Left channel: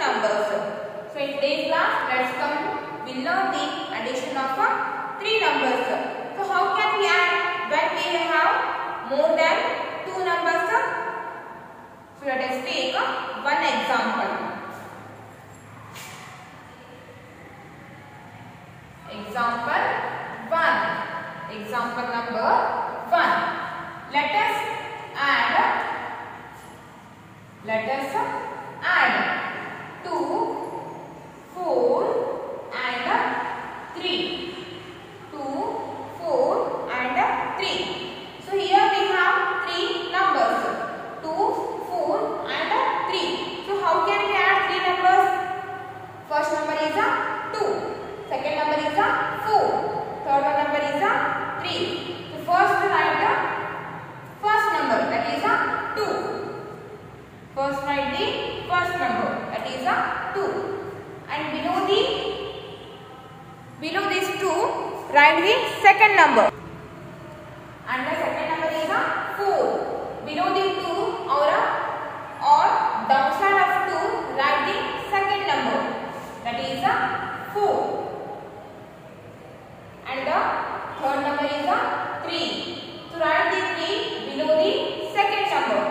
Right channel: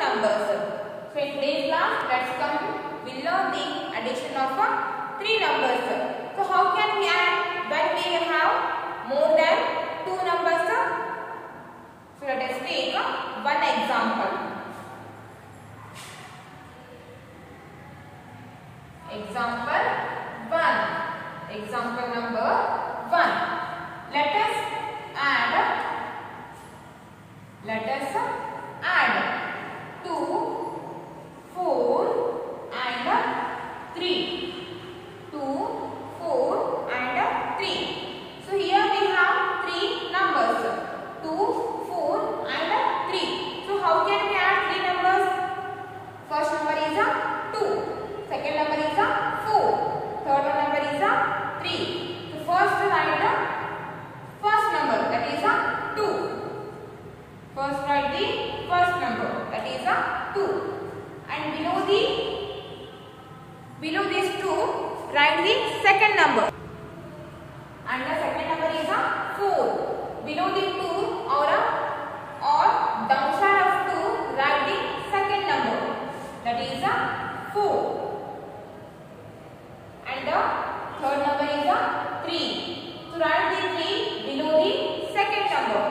numbers. So in today's class, let's come to we learn the addition of 3 numbers. So how can we add when we have more than 2 numbers? So let us take one example. Example 1. Example number 1. Let us add 2, 4 and 3. 2, 4 and 3. So here we have 3 numbers. 2, 4 and 3. So how can we add 3 numbers? First number is 2. Second number is 4. Third number is 3. So first write the first number, that is 2. First write the first number, that is 2. And below these 2 write the second number. And the second number is 4. Below the 2 or downside of 2 write the second number, that is 4. And the third number is 3. So write the 3 below the second number.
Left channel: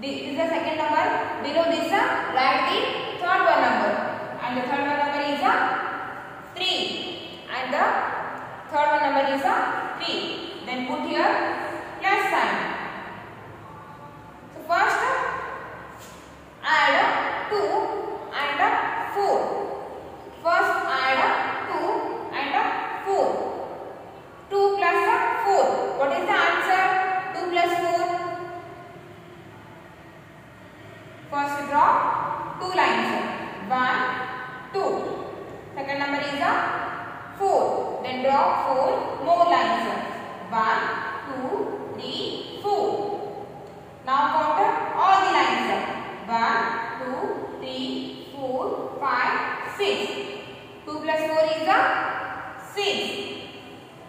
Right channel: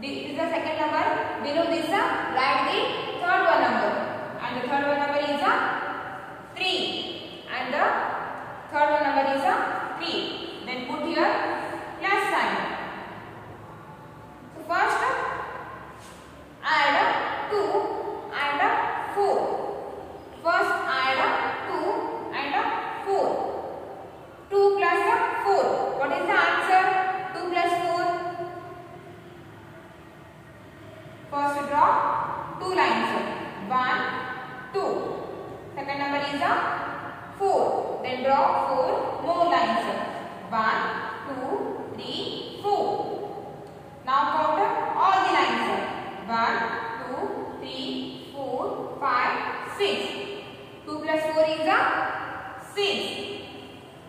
This is the second number. Below this write the third one number. And the third one number is 3. And the third one number is 3. Then put here plus sign. So first add 2 and 4. First add 2 and 4. 2 plus 4. What is the answer? 2 plus 4. First draw 2 lines. 1, 2. Second number is 4. Then draw 4 more lines. 1, 2, 3, 4. Now count all the lines. 1, 2, 3, 4, 5, 6. 2 plus 4 is 6.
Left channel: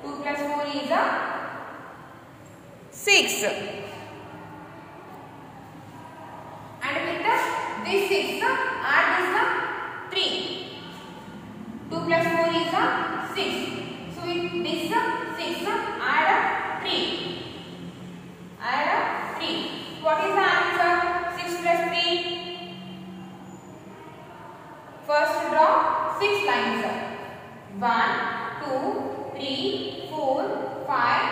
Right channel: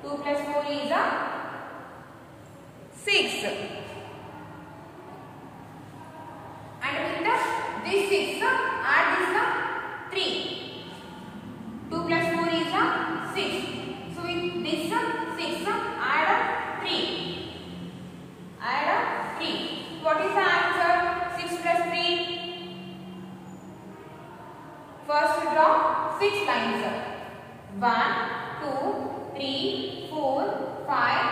2 plus 4 is 6. And with this 6, add this 3. 2 plus 4 is 6. So with this 6, add 3. Add 3. What is the answer? 6 plus 3. First draw 6 lines. 1, 2, 3, 4, 5,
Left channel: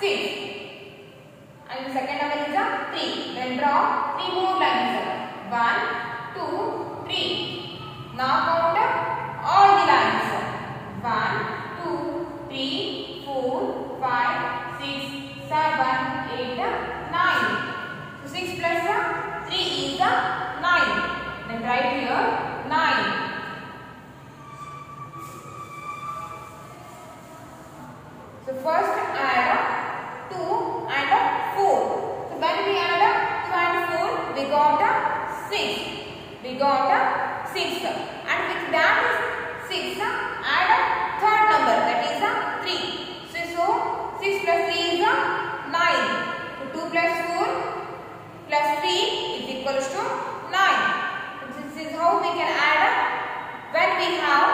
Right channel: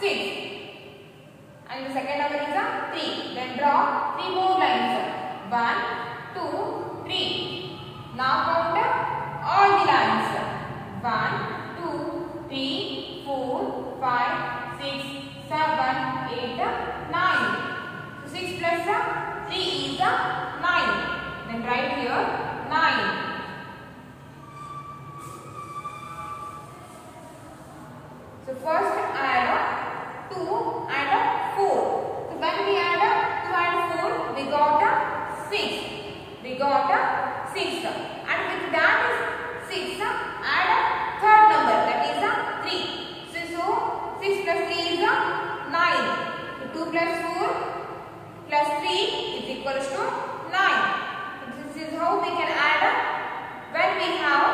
6. And the second number is 3. Then draw 3 more lines. 1, 2, 3. Now count all the lines. 1, 2, 3, 4, 5, 6, 7, 8, 9. So 6 plus 3 is 9. Then write here 9. So first add 2 and 4. So when we add 2 and 4, we got 6. We got 6. And with that 6, add third number, that is 3. So 6 plus 3 is 9. So 2 plus 4 plus 3 is equals to 9. This is how we can add when we have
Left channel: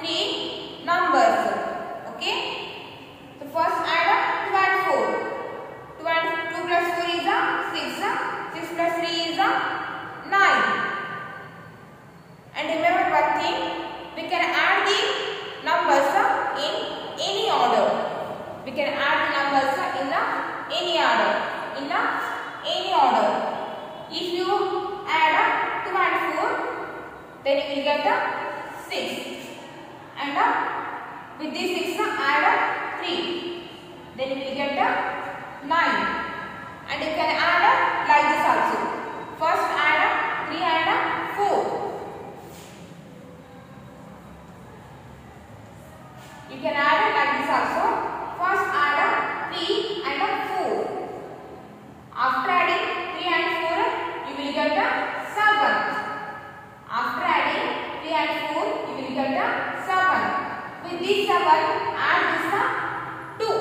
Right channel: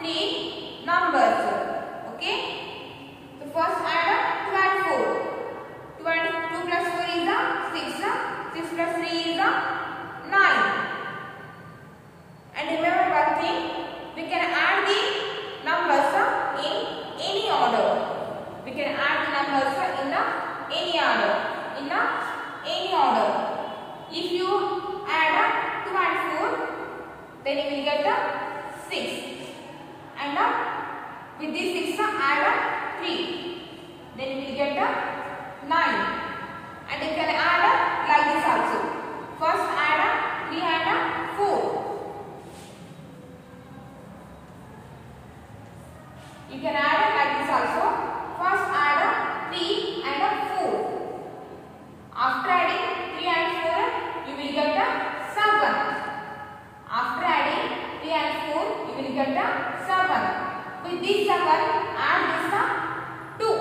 3 numbers. Okay. So first add 2 and 4. 2 plus 4 is 6. 6 plus 3 is 9. And remember one thing, we can add the numbers in any order. We can add the numbers in any order. If you add 2 and 4, then you will get 6. And with this 6, add 3. Then you will get 9. And you can add like this also. First add 3 and 4. You can add like this also. First add 3 and 4. After adding 3 and 4, you will get 7. After adding 3 and 4, you will get 7. With this 7, add this 2.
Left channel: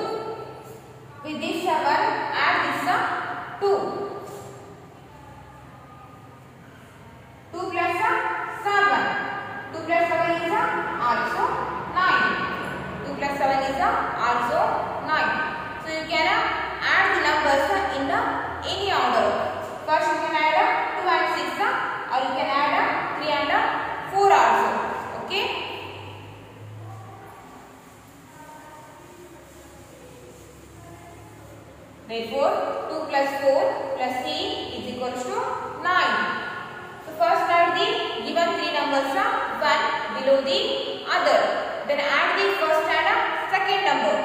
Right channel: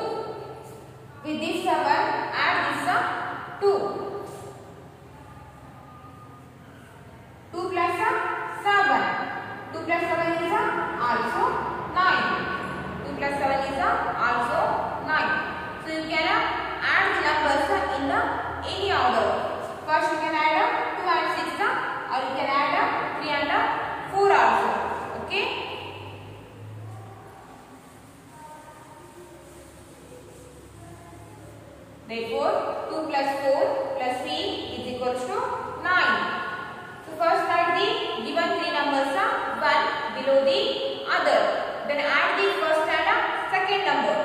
any order. First you can add 2 and 6 or you can add 3 and 4 also. Okay. Therefore 2 plus 4 plus 3 is equals to 9. So first write the given 3 numbers 1 below the other. Then add the first and second number.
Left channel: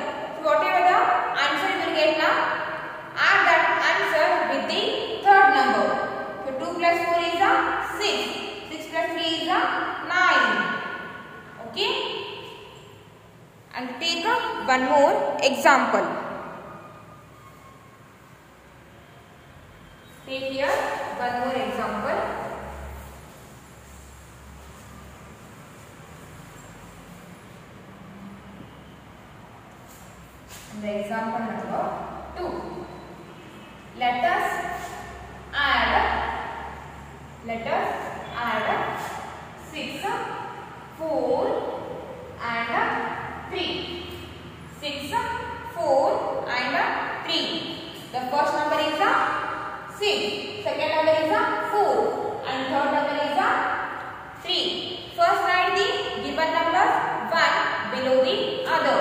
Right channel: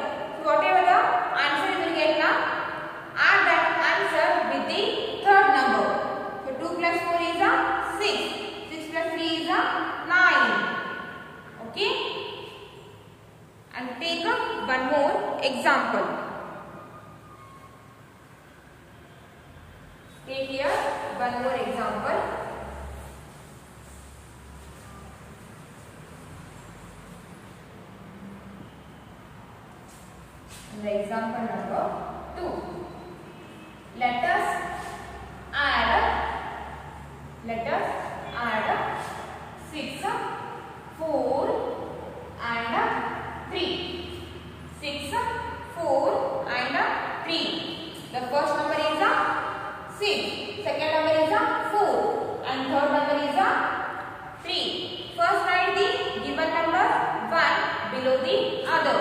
So whatever the answer you will get now, add that answer with the third number. So 2 plus 4 is 6. 6 plus 3 is 9. Okay. And take one more example. Take here one more example. And the example number 2. Let us add 6, 4 and 3. 6, 4 and 3. The first number is 6, second number is 4 and third number is 3. First write the given number 1 below the other.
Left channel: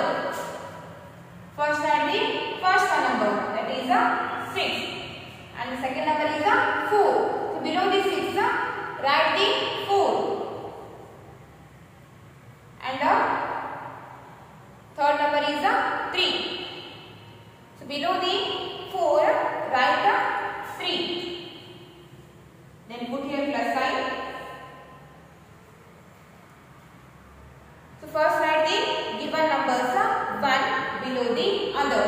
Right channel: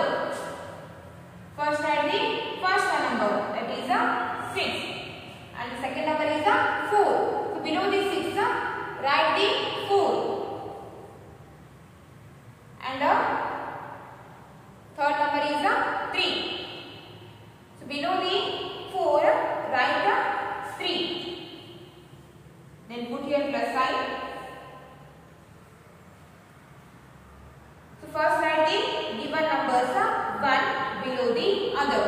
First write the first number, that is 6 and the second number is 4. So below the 6 write the 4 and third number is 3. So below the 4 write 3. Then put here plus sign. So first write the given numbers 1 below the other.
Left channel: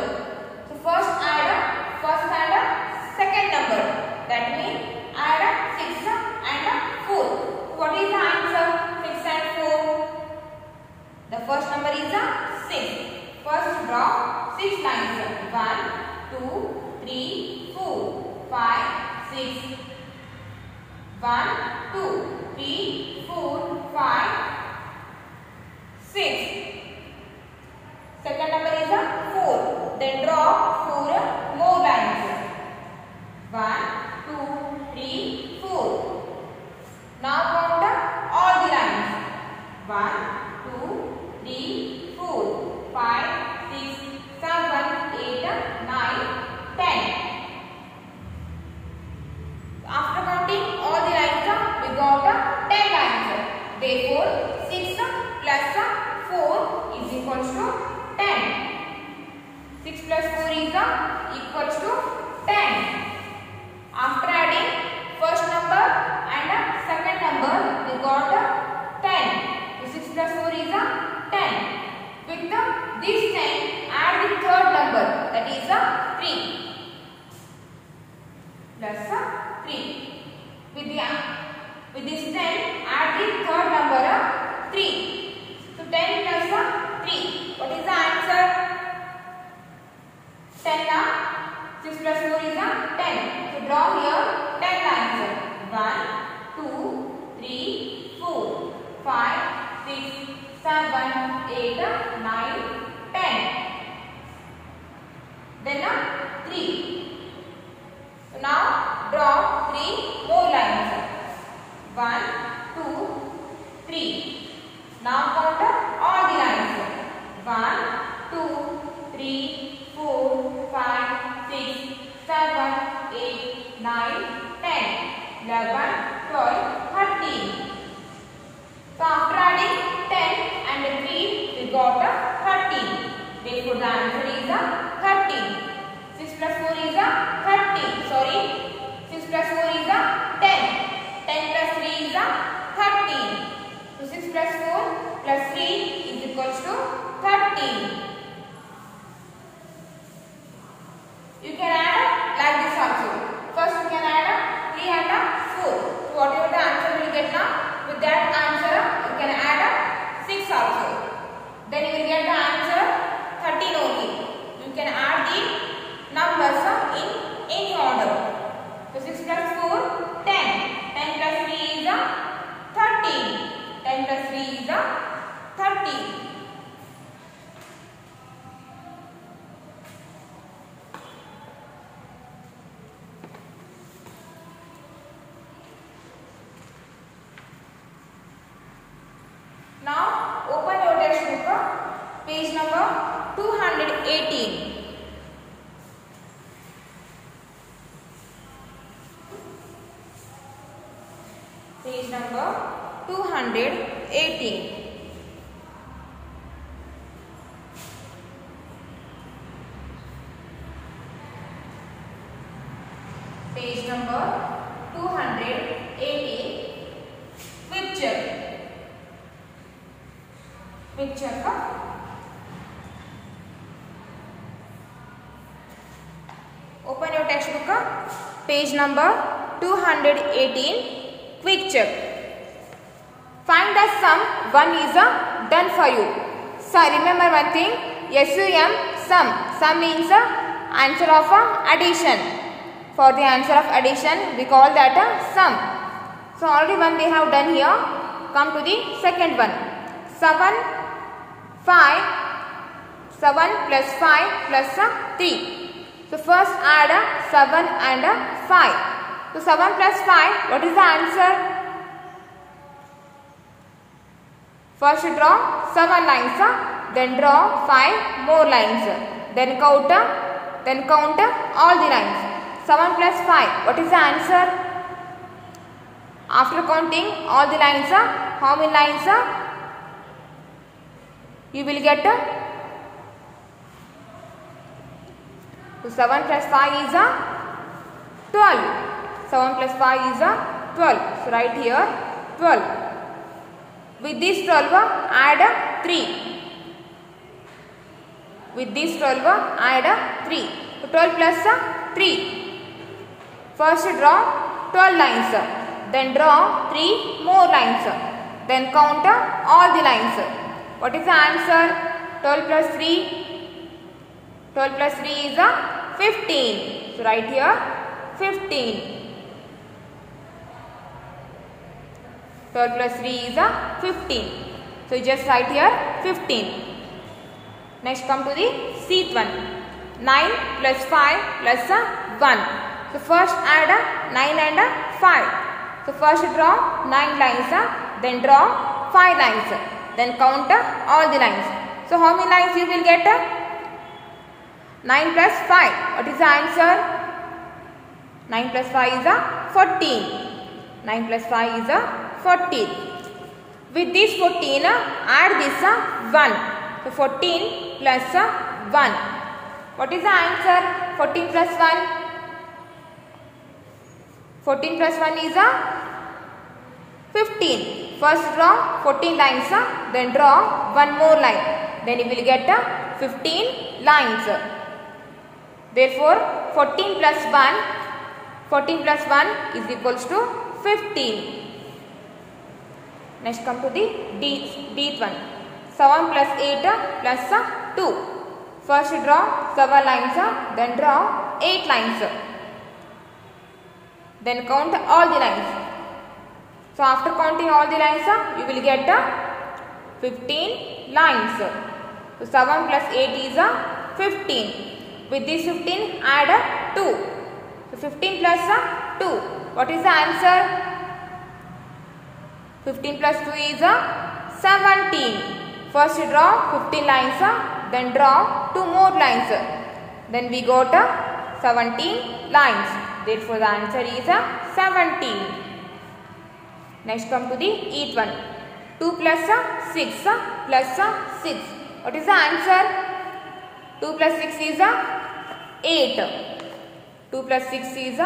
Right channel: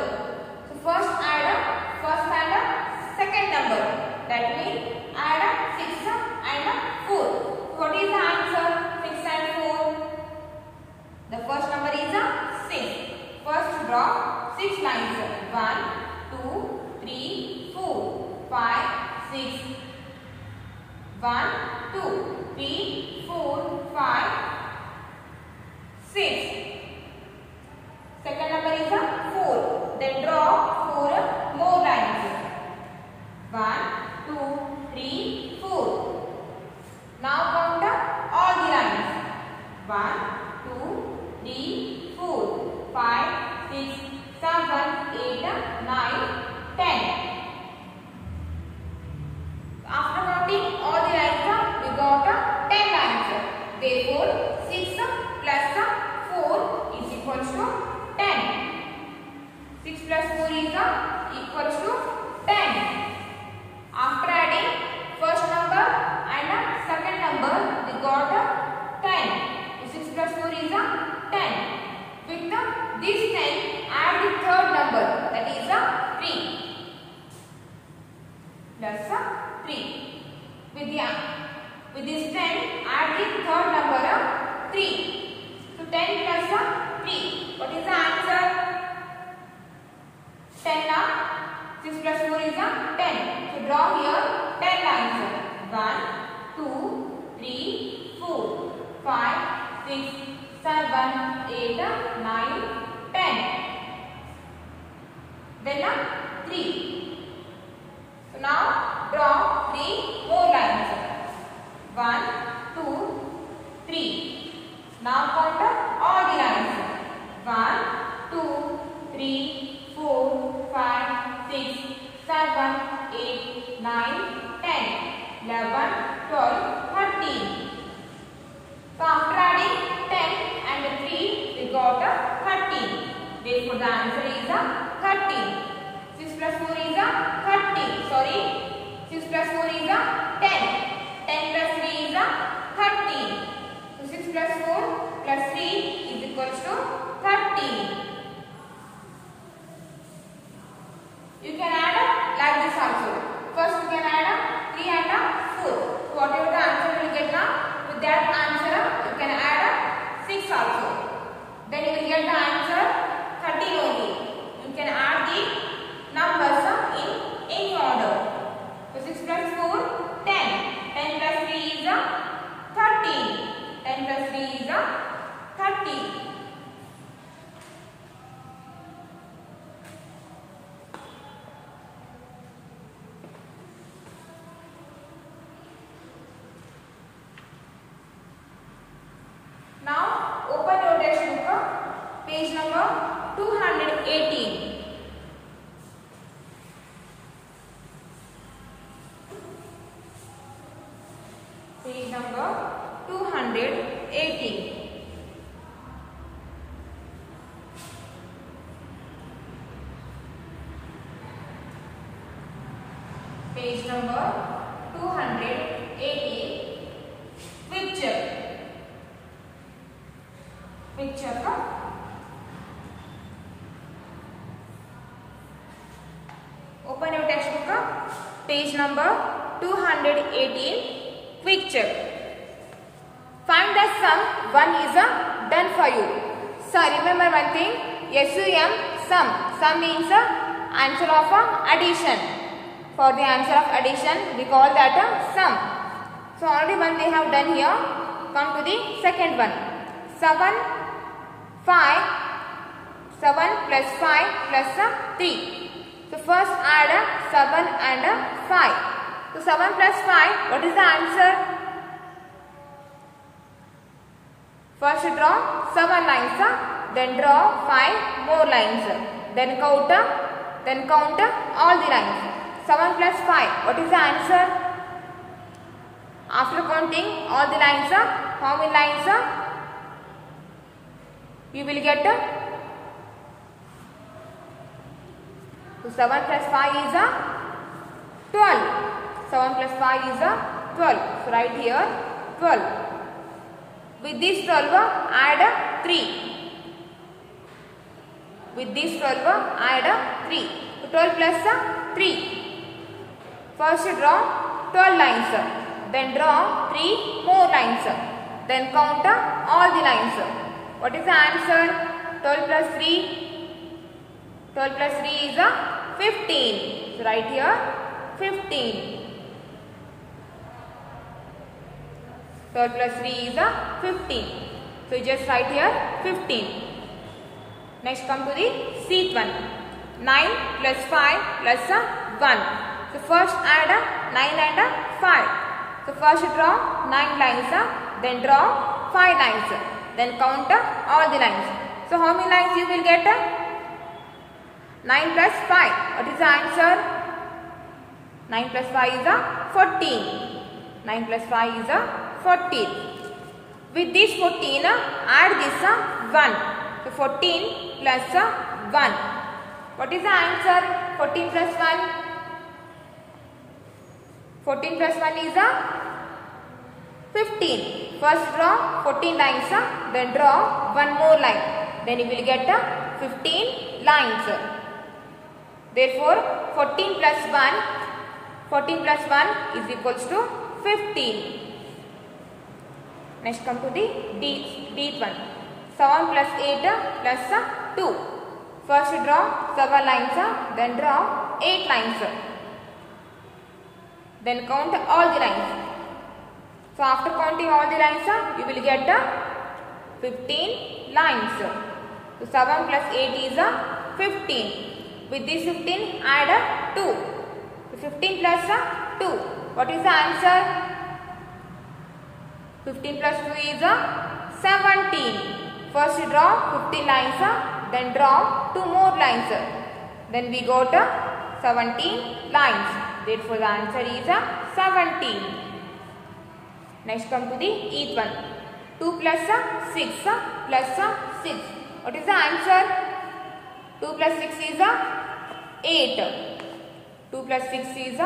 So first add and second number. That means add 6 and 4. What is the answer? 6 and 4. The first number is 6. First draw 6 lines. 1, 2, 3, 4, 5, 6. 1, 2, 3, 4, 5, 6. Second number is 4. Then draw 4 more lines. 1, 2, 3, 4. Now count all the lines. 1, 2, 3, 4, 5, 6, 7, 8, 9, 10. After counting all the lines, we got 10 lines. Therefore, 6 plus 4 is equals to 10. 6 plus 4 is equals to 10. After adding first number and second number, we got 10. So 6 plus 4 is 10. With this 10, add the third number, that is 3. Plus 3. With this 10, add the third number 3. So 10 plus 3. What is the answer? 10 6 plus 4 is 10. So draw here 10 lines. 1, 2, 3, 4, 5, 6, 7, 8, 9, 10. Then 3. So now draw 3 more lines. 1, 2, 3. Now count all the lines. 1, 2, 3, 4, 5, 6, 7, 8, 9, 10, 11, 12, 13. So after adding 10 and 3, we got 13. Therefore the answer is 13. 6 plus 4 is 30. Sorry. 6 plus 4 is 10. 10 plus 3 is 13. So 6 plus 4 plus 3 is equals to 13. You can add like this also. First you can add 3 and 4. So whatever the answer you will get now, with that answer you can add 6 also. Then you will get the answer 13 only. You can add the numbers in any order. So 6 plus 4, 10. 10 plus 3 is 13. 10 plus 3 is 13. Page number 218. Page number 218. Page number 218. Quick check. Quick check. Open your textbook. Page number 218. Quick check. Find the sum. One is done for you. So remember one thing. SUM, sum. Sum means answer of addition. For the answer of addition, we call that a sum. So already one they have done here. Come to the second one. 7, 5, 7 plus 5 plus 3. So first add 7 and 5. So 7 plus 5, what is the answer? First draw 7 lines, then draw 5 more lines. Then count all the lines. 7 plus 5, what is the answer? After counting all the lines, how many lines you will get? So 7 plus 5 is 12. 7 plus 5 is 12. So write here 12. With this 12, add 3. With this 12, add 3. So 12 plus 3. First draw 12 lines. Then draw 3 more lines. Then count all the lines. What is the answer? 12 plus 3. 12 plus 3 is 15. So write here 15. 12 plus 3 is 15. So you just write here 15. Next come to the seat one. 9 plus 5 plus 1. So first add 9 and 5. So first draw 9 lines, then draw 5 lines, then count all the lines. So how many lines you will get? 9 plus 5. What is the answer? 9 plus 5 is 14. 9 plus 5 is 14. With this 14, add this 1. So 14 plus 1. What is the answer? 14 plus 1. 14 plus 1 is 15. First draw 14 lines, then draw 1 more line. Then you will get 15 lines. Therefore, 14 plus 1 is equals to 15. Next come to the D one. 7 plus 8 plus 2. First draw 7 lines, then draw 8 lines. Then count all the lines. So after counting all the lines, you will get 15 lines. So 7 plus 8 is 15. With this 15, add 2. So 15 plus 2. What is the answer? 15 plus 2 is 17. First draw 15 lines, then draw 2 more lines. Then we got 17 lines. Therefore, the answer is 17. Next come to the eighth one. 2 plus 6 plus 6. What is the answer? 2 plus 6 is 8. 2 plus 6 is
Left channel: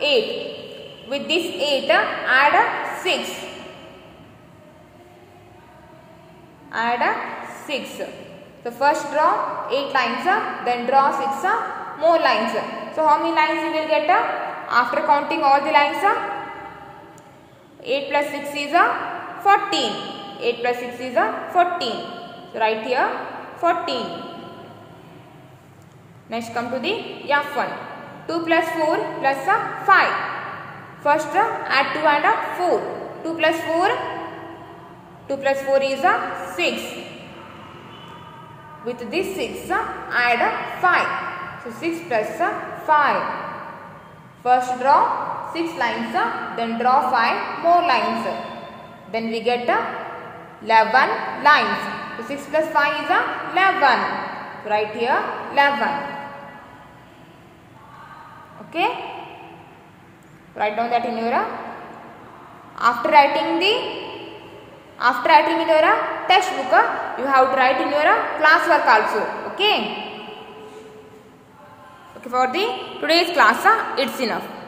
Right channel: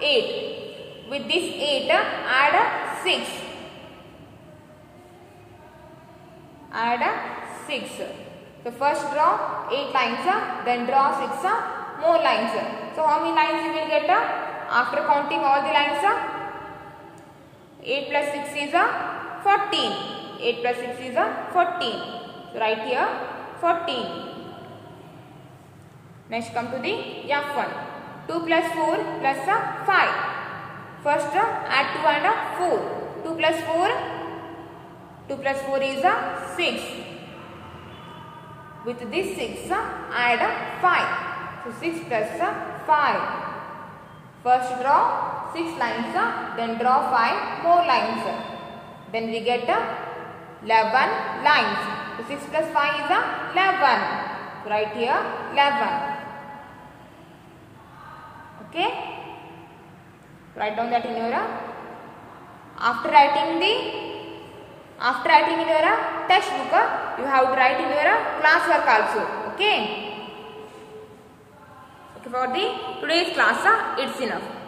8. With this 8, add 6. Add 6. So first draw 8 lines, then draw 6 more lines. So how many lines you will get? After counting all the lines, 8 plus 6 is 14. 8 plus 6 is 14. So write here 14. Next come to the F1. 2 plus 4 plus 5. First add 2 and 4. 2 plus 4 is 6. With this 6 add 5. So 6 plus 5. First draw 6 lines, then draw 5 more lines. Then we get 11 lines. So 6 plus 5 is 11. So write here 11. Okay. Write down that in your. After writing in your textbook, you have to write in your class work also. Okay. Okay, for the today's class, it's enough.